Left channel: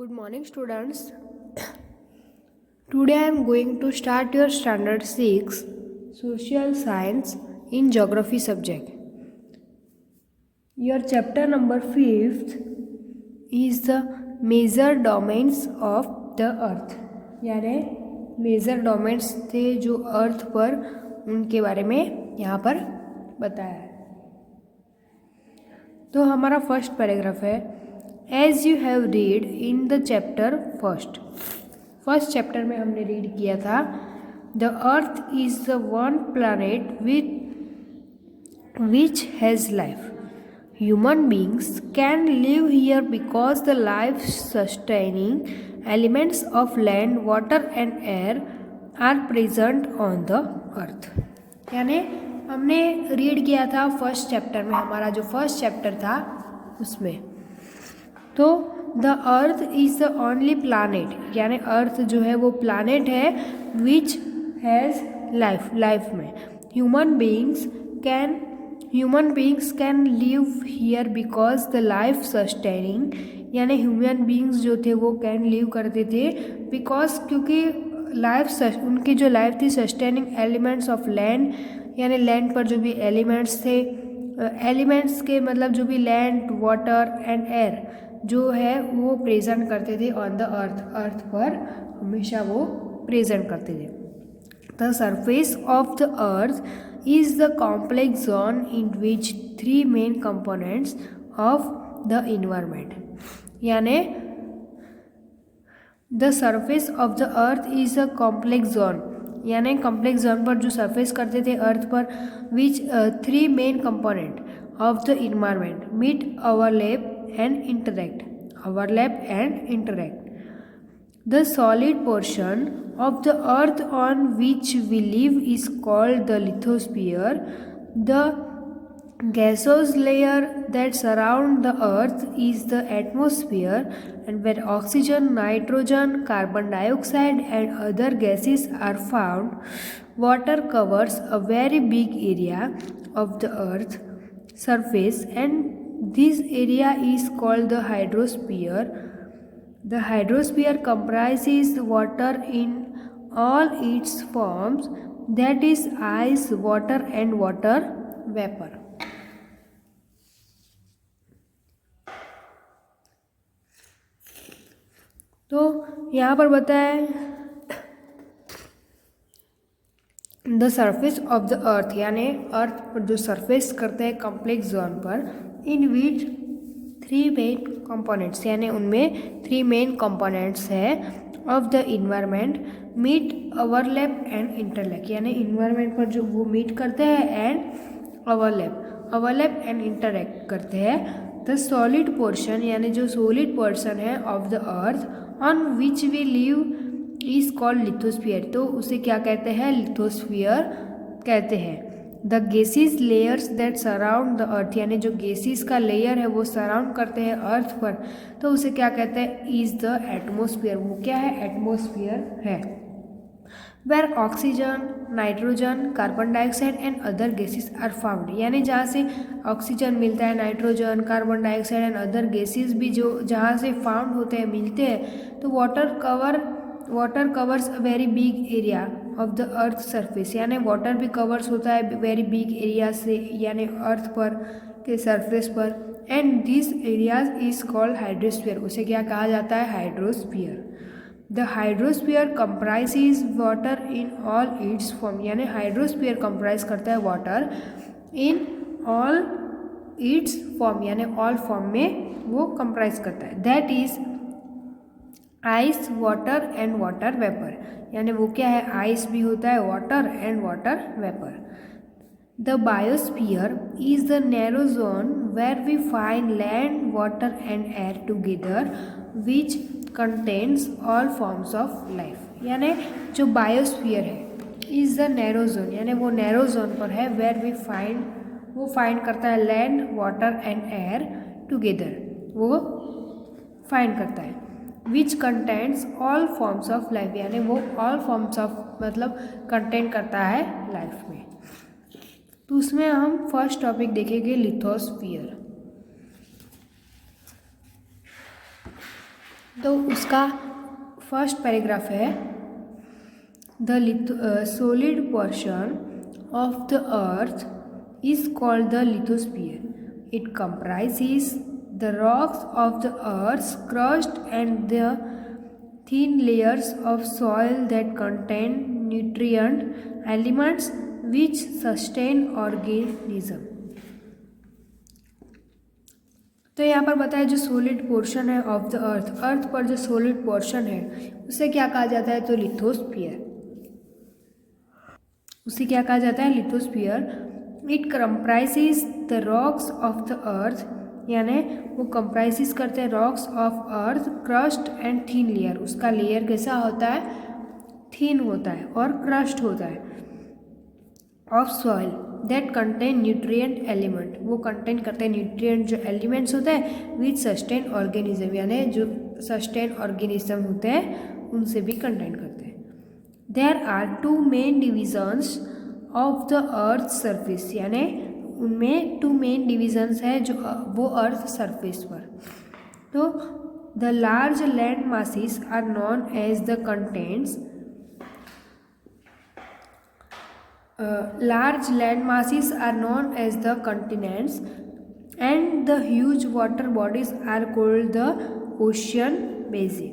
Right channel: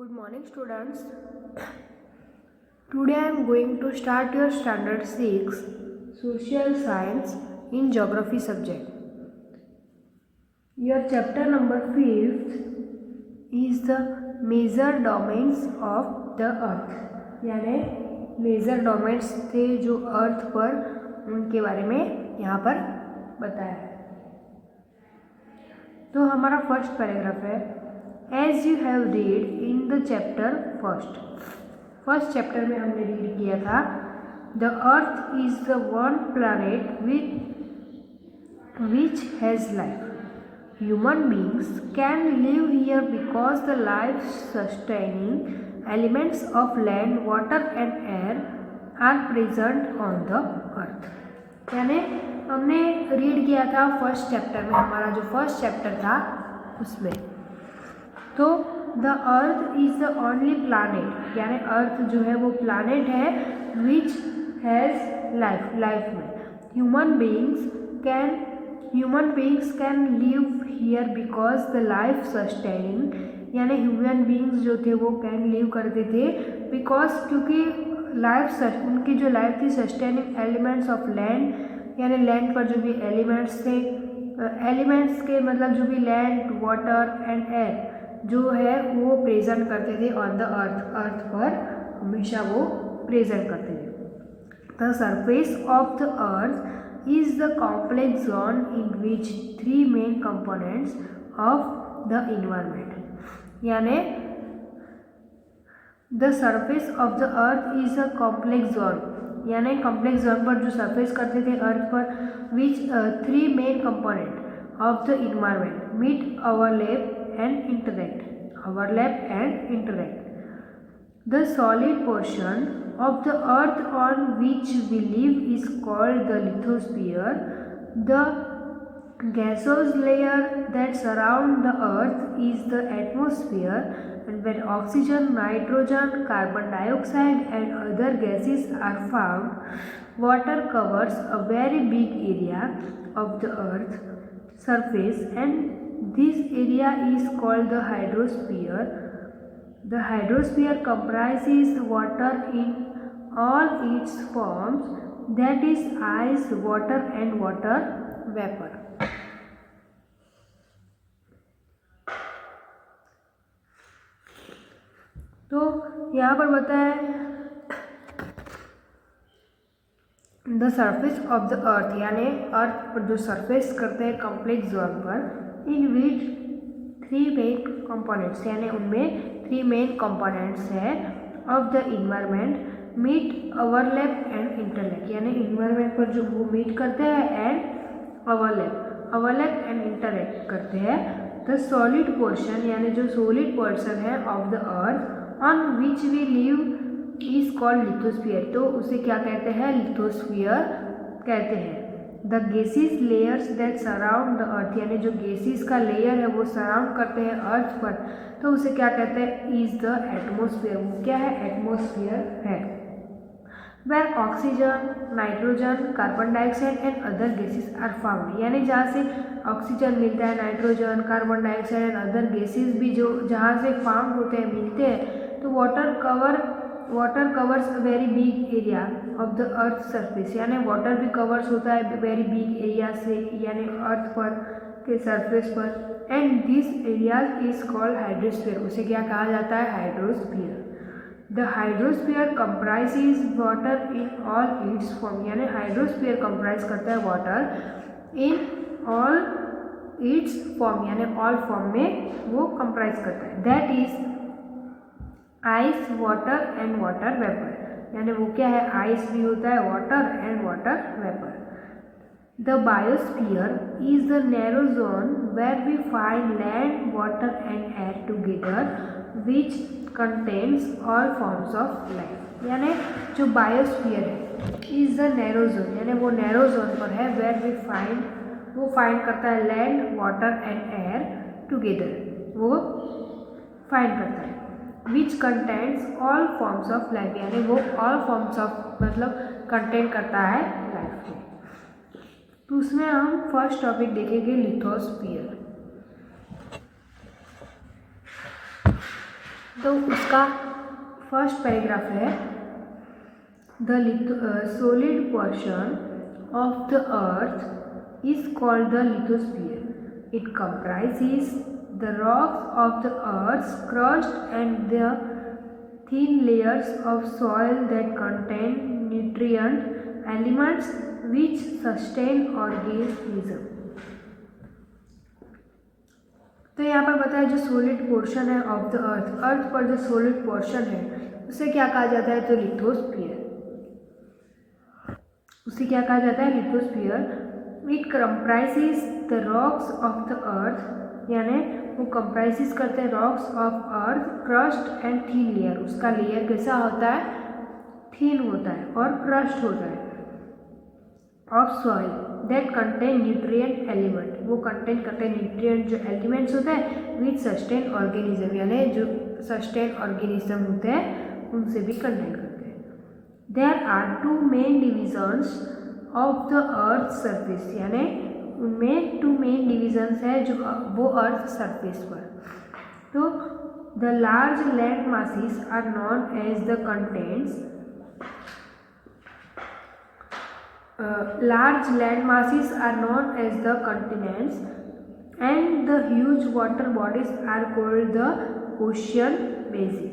Good morning, students. Today I am going to start your standard 6 social science in geography subject. Your chapter number 5th is the major domains of the earth. यानी major domains थे जो अर्थ पर, उनके बारे में यहाँ पर बताया है. तो हमारा फर्स्ट पैराग्राफ है, as you have read in the chapter first chapter में हमने रीड किया था, the earth is the one planet which has life. Human beings can live here because the life sustaining elements of land, water and air are present on the earth. यानी हमने read किया था first chapter में, हमारा जो first chapter था उसमें. तो the earth is the only planet, यानी अर्थ जो है वो प्लानट है विच हैज़ लाइफ में. Human beings can live here because the life sustaining, यानी ह्यूमन बींग्स जो थे वो कैन लिव करते थे बिकॉज, क्योंकि उनकी जो लाइफ थी सस्टेनिंग एलिमेंट्स ऑफ लैंड, यानी लैंड पर जो भी एलिमेंट्स थे, एलिमेंट्स के मतलब जो भी लैंड, वाटर एंड एयर जो है वो प्रेजेंट करते थे ऑन द अर्थ पर हमेशा वो प्रेजेंट करते थे. The surface of the earth is the complex zone in which 3 main components of the environment. यानी the surface of the earth is a complex zone, यानी कॉम्प्लेक्स जोन पर जो सरफेस करते थे अर्थ पर, which 3 main component of the environment meet overlap and interact. The solid portion of the earth on which we live is called the lithosphere. The gaseous layer that surround the earth is the atmosphere, and where oxygen, nitrogen, carbon dioxide and other gases are found, water covers a very big area of the earth surface, and this area is called the hydrosphere. The hydrosphere comprises water in all its forms, that is ice, water and water vapor. तो यहाँ पर बताया the surface of the earth, यानी अर्थ पर जो surface करते हैं complex zone पर, इन विच 3 मेन कंपोनेंट्स, यानी उनमें 3 मेन कंपोनेंट्स है of the environment meet, overlap and interact. यानी इन्वायरमेंट पर जो वो मीट करते हैं एंड ओवरलैप एंड इंटरलैक करते हैं. द सॉलिड पोर्शन, यानी जो सॉलिड पोर्शन है of the earth on which we live is called lithosphere. तो उसे क्या कहते हैं? लिथोस्फीयर कहते हैं. The gases layers that surround the earth, यानी जो गैसेस का लेयर है वो सराउंड करते हैं अर्थ पर, तो उसे क्या कहते हैं? Is the atmosphere. वो क्या है? एटमोस्फीयर है. Where oxygen, nitrogen, carbon dioxide and other gases are found, यानी जहाँ से ऑक्सीजन मिलता है, nitrogen, carbon dioxide and other gases भी जो जहाँ से फाउंड होते हैं, मिलते हैं, तो water covers a very big area of the earth surface, यानी वाटर भी कवर्स होता है वेरी बिग एरिया से, यानी अर्थ पर के सरफेस पर. And this area is called hydrosphere. उसे क्या कहा जाता है? Hydrosphere. The hydrosphere comprises water in all its form, यानी हाइड्रोस्फीयर कंप्राइज करता है water in all its form, यानी ऑल फॉर्म में वो कंप्राइज करता है. That is ice, water and water vapour, यानी वो क्या है? आइस भी होता है, water and water vapour. The biosphere is the narrow zone where we find land, water and air together which contains all forms of life. यानी जो biosphere है इज द नैरो जोन, यानी वो नैरो जोन पर है, where we वो find करता है land, water and air together, वो फाइंड करता है. विच contents all forms of life, यानी वो ऑल फॉर्म्स ऑफ मतलब कंटेंट करता है लाइफ में. तो उसमें हम फर्स्ट टॉपिक देखेंगे लिथोस्फीयर. तो उसका फर्स्ट पैराग्राफ है, the solid portion of the earth is called the lithosphere. It comprises the rocks of the earth's crust and the thin layers of soil that contain nutrient elements which sustain organism. तो यहाँ पर बताया जो solid portion है of the अर्थ, अर्थ पर जो solid portion है उसे क्या कहा जाता है, तो लिथोस्फीयर, उसे क्या कहा जाता है, lithosphere. It comprises the rocks of the earth, यानी वो कंप्राइजेज करते हैं rocks of earth, crust and thin layer, उसका लेयर कैसा होता है, थीन होता है और क्रस्ट होता है, of soil that contain nutrient element, वो कंटेन करते हैं न्यूट्रिएंट जो एलिमेंट्स होते हैं, विथ सस्टेन ऑर्गेनिज्म, यानी जो सस्टेन ऑर्गेनिज्म होते हैं उनसे भी कंटेन करते हैं. There are two main divisions of the earth surface, यानी उनमें टू मेन डिविजन्स है जो वो अर्थ सरफेस पर. तो the large land masses are known as the contents, large land masses are known as the continents and the huge water bodies are called the ocean basin.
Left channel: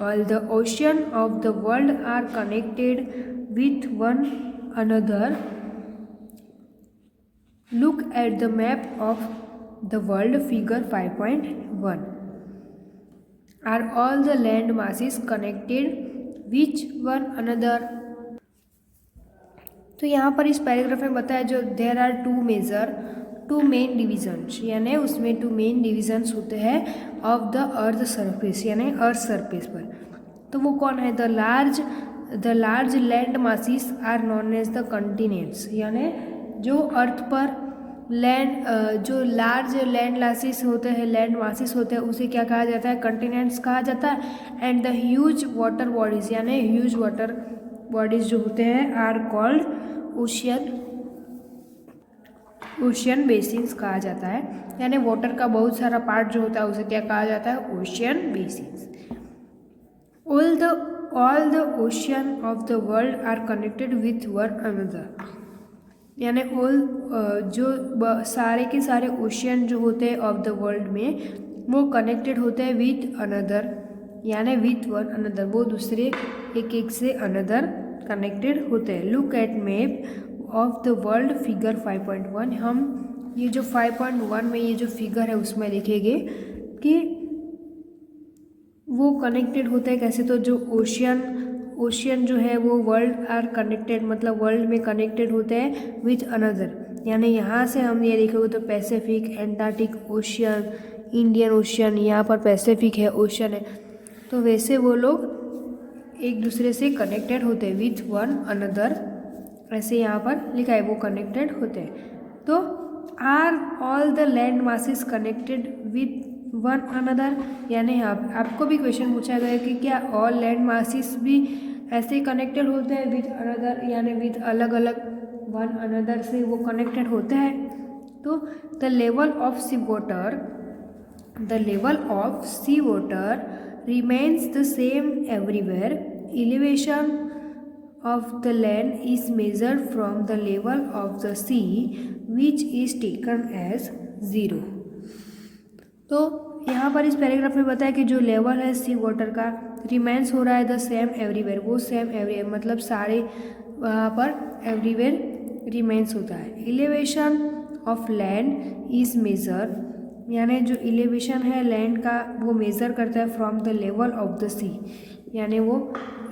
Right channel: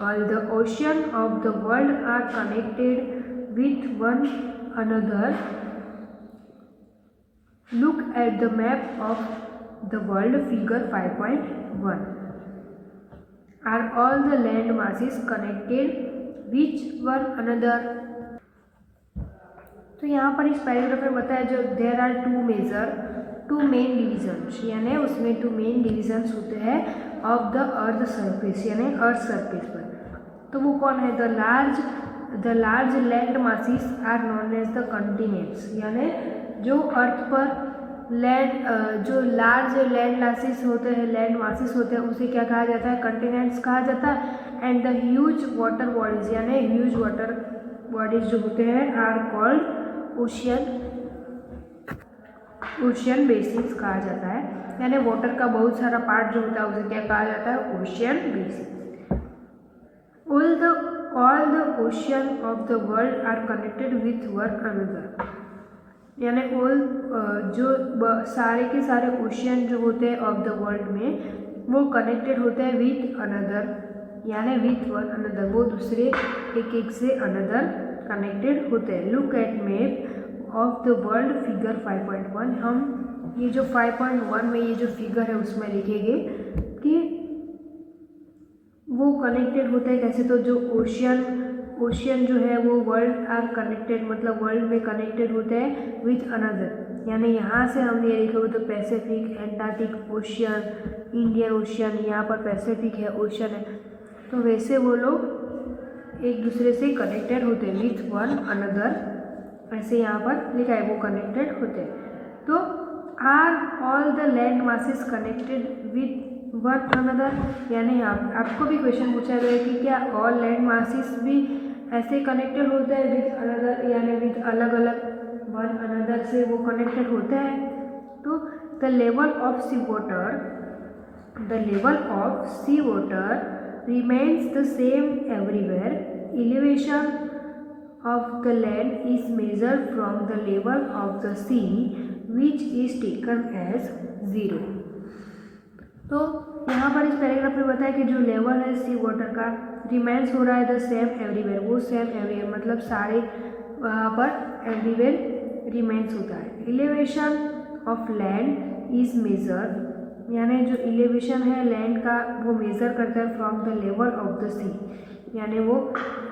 All the ocean of the world are connected with one another. Look at the map of the world, figure 5.1. Are all the land masses connected with one another? तो यहाँ पर इस paragraph में बताया जो there are two main divisions, यानी उसमें to main divisions होते हैं ऑफ द अर्थ सरफेस, यानी अर्थ सरफेस पर. तो वो कौन है, the large land masses are known as the continents, यानी जो अर्थ पर लैंड जो लार्ज लैंड मासेस होते हैं, लैंड मासेस होते हैं उसे क्या कहा जाता है, कंटिनेंट्स कहा जाता है. And the huge water bodies, यानी ह्यूज वाटर बॉडीज जो होते हैं आर कॉल्ड ओशियन बेसिन्स कहा जाता है, यानी वाटर का बहुत सारा पार्ट जो होता है उसे क्या कहा जाता है, ocean basins. All the ocean of the world are connected with one another, यानी जो सारे के सारे ओशियन जो होते हैं ऑफ द वर्ल्ड में वो कनेक्टेड होते हैं विथ अनदर, यानी विथ वन अनदर, वो दूसरे एक से अनदर कनेक्टेड होते हैं. Look at map of the world, figure 5.1. हम ये जो 5.1 में ये जो फिगर है उसमें लिखेंगे कि वो कनेक्टेड होते हैं कैसे. तो जो ओशियन जो है वो वर्ल्ड आर कनेक्टेड, मतलब वर्ल्ड में कनेक्टेड होते हैं विथ अनदर, यानी यहाँ से हम ये लिखेंगे तो Pacific, Antarctic ocean, Indian ocean, यहाँ पर पैसिफिक है, ओशियन है, तो वैसे वो लोग एक दूसरे से कनेक्टेड होते हैं विथ वन अनदर, ऐसे यहाँ पर लिखा है वो कनेक्टेड होते हैं. तो are all the land masses connected with one another, यानी आपको भी क्वेश्चन पूछा गया कि क्या ऑल लैंड मासेस भी ऐसे कनेक्टेड होते हैं विथ अनदर, यानी विथ अलग अलग वन अनदर से वो कनेक्टेड होते हैं. तो the level of sea water remains the same everywhere. Elevation of the land is measured from the level of the sea, which is taken as 0. तो यहाँ पर इस पैराग्राफ में बताया कि जो लेवल है सी वाटर का रिमेंस हो रहा है द सेम एवरीवेयर, वो सेम एवरीवेयर मतलब सारे वहाँ पर एवरीवेयर रिमेंस होता है. Elevation of land is major, यानी जो एलिवेशन है लैंड का वो मेज़र करता है from the level of the sea, यानी वो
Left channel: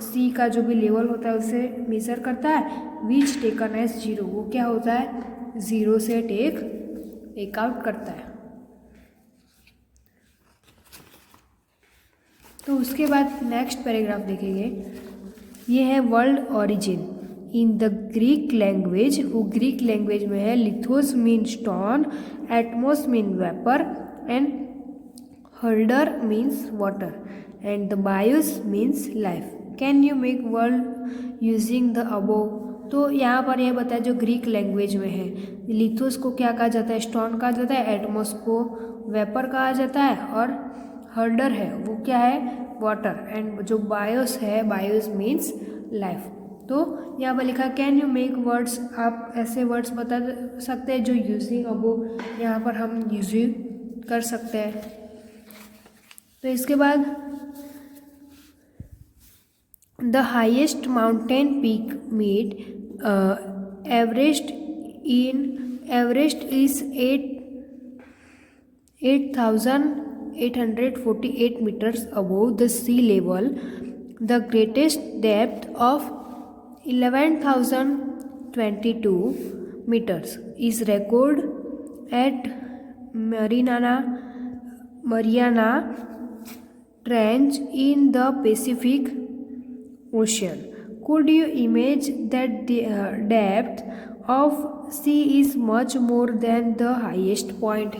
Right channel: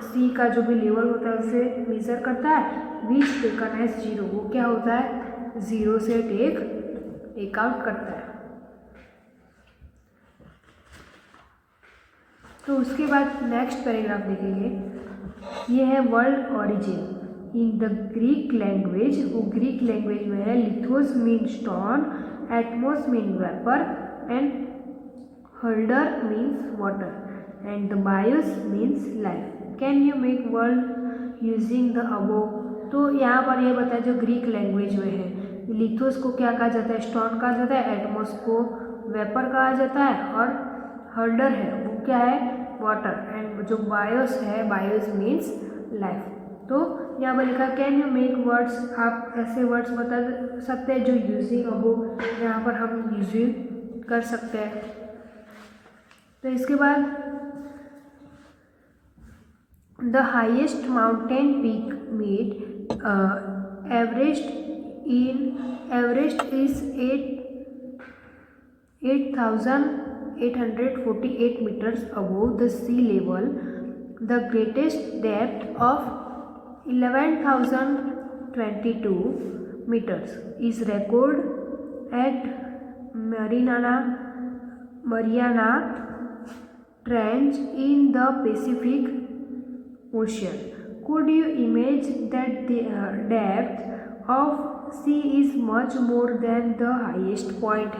सी का जो भी लेवल होता है उसे मेज़र करता है. विच टेकन एज 0, वो क्या होता है 0 से टेक आउट करता है. तो उसके बाद नेक्स्ट पैराग्राफ देखेंगे, ये है world origin in the Greek language. वो ग्रीक लैंग्वेज में है. Lithos mean stone, atmos mean vapour and hydor means water and the bios means life. Can you make world using the above. तो यहाँ पर यह बताया जो ग्रीक लैंग्वेज में है, लिथोस को क्या कहा जाता है, स्टोन कहा जाता है, एटमोस को वेपर कहा जाता है, और हर्डर है वो क्या है, वाटर एंड जो बायोस है, बायोस मीन्स लाइफ। तो यहाँ पर लिखा कैन यू मेक वर्ड्स, आप ऐसे वर्ड्स बता सकते हैं जो यूजिंग अबो यहाँ पर हम यूजिंग कर सकते हैं। तो इसके बाद the highest mountain peak made Everest is 8,848 meters above the sea level. The greatest depth of 11,022 meters is recorded at Mariana Trench in the Pacific Ocean. Could you imagine that the depth of sea is much more than the highest point?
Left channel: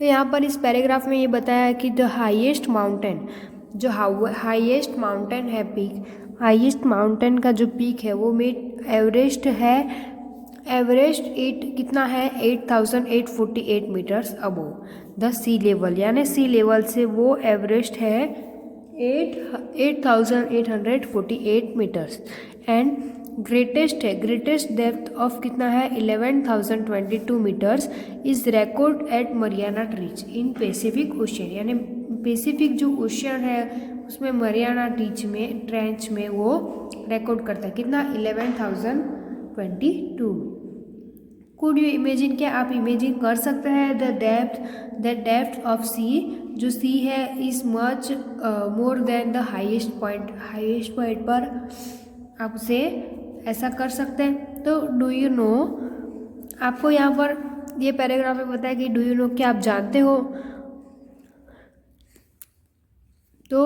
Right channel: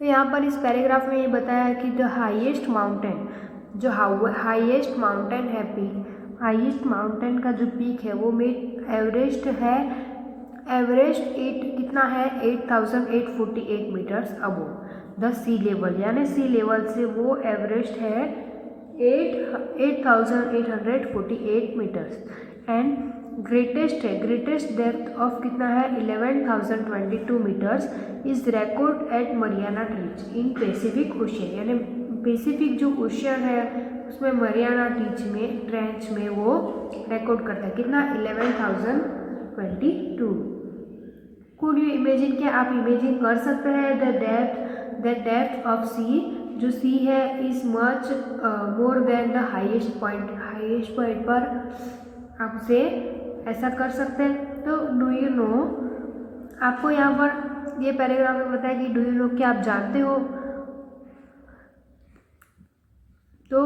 तो यहाँ पर इस paragraph में ये बताया कि the highest mountain, जो highest mountain है पीक, हाईएस्ट माउंटेन का जो पीक है वो एवरेस्ट है। एवरेस्ट कितना है 8,848 metres above the sea level, यानी सी लेवल से वो एवरेस्ट है 8,848 मीटर्स। एंड ग्रेटेस्ट है, ग्रेटेस्ट डेप्थ ऑफ कितना है 11,022 metres is record at Mariana trench in Pacific Ocean, यानी पैसिफिक जो ओशियन है उसमें मरियाना ट्रेंच में वो रिकॉर्ड करता है कितना 11,022। कुड यू इमेजिन, क्या आप इमेजिन कर सकते हैं द डेप्थ ऑफ सी, जो सी है is much more than the highest point, highest point पर आप उसे ऐसा कर सकते हैं। तो डू यू नो, आपको यहाँ पर ये पैराग्राफ में बताया कि डू यू नो, क्या आप जानते हो। तो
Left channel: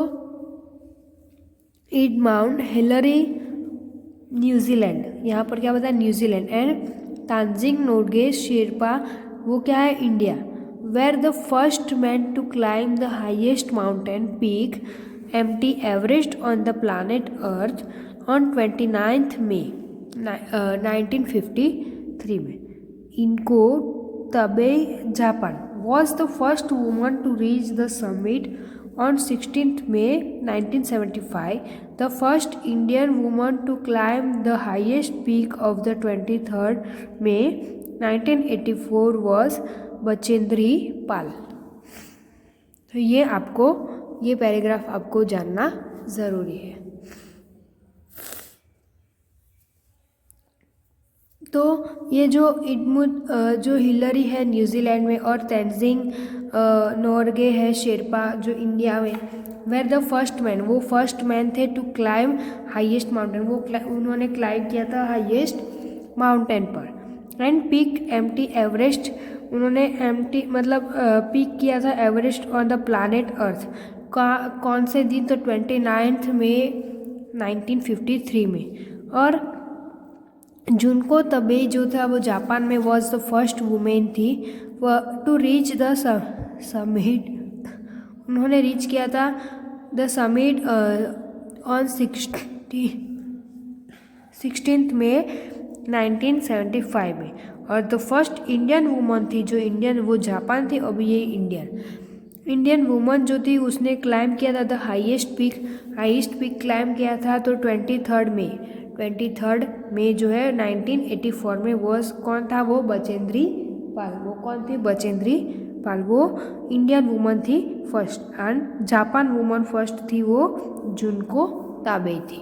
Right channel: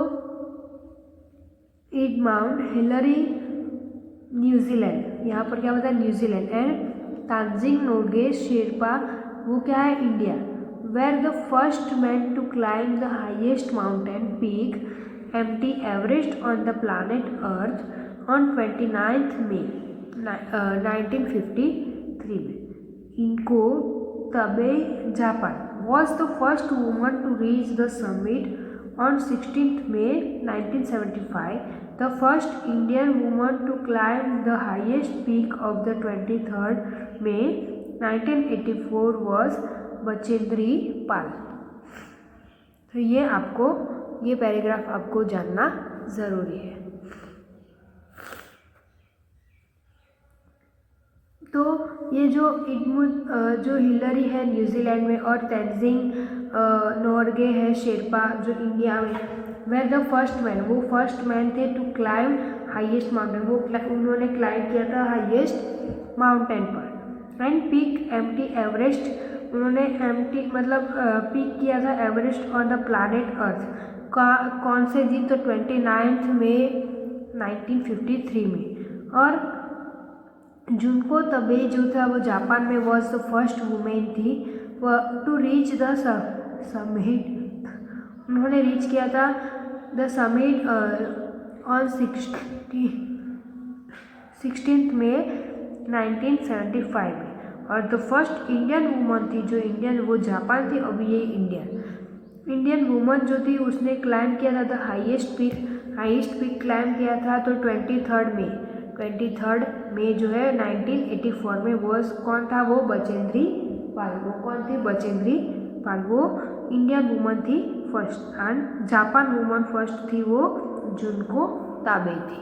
इट माउंट हिलरी न्यूजीलैंड, यहाँ पर क्या बताया न्यूजीलैंड, एंड तांजिंग नोगे शेरपा वो क्या है India, were the first man to climb the highest mountain peak empty Everest on the planet earth on 29th May 1953 में। इनको Tabei Japan was the first woman to reach the summit on 16th May 1975. The first Indian woman to climb the highest peak of the 23rd May 1984 was Bachendri Pal. तो ये paragraph आपको जानना ज़रूरी है। तो ये जो हिलरी है न्यूजीलैंड में और तेंजिंग नोर्गे है शेरपा जो इंडिया में, वेर द फर्स्ट मैन, वो फर्स्ट मैन थे टू क्लाइम हाईएस्ट माउंटेन, उन्होंने क्लाइम किया था हाईएस्ट माउंटेन पर। एंड पीक एम्प्टी एवरेस्ट, उन्होंने एम्प्टी मतलब पीक किया था एवरेस्ट ऑन द प्लानेट अर्थ कौन से दिन, तो 29 मई 1953 में। और जुनको तबे जो था वो जापान में वॉज द फर्स्ट वुमेन थी टू रीच द समिट, उन्होंने रीच किया था द समिट ऑन 16 मई 1975 में। और द फर्स्ट इंडियन वुमन थी जो इंडियन, वो जापान थी, अभी ये इंडियन वुमन जो थी उसने क्लाइम किया था द हाईएस्ट पीक क्लाइम किया था तो 23rd मई जो है 1984 में। वो कौन था, वो बचेंद्री पाल। वो कौन थी, बचेंद्री पाल, वो इंडियन वुमन थी first, and Japan woman first थी वो जुनको ताबे थी।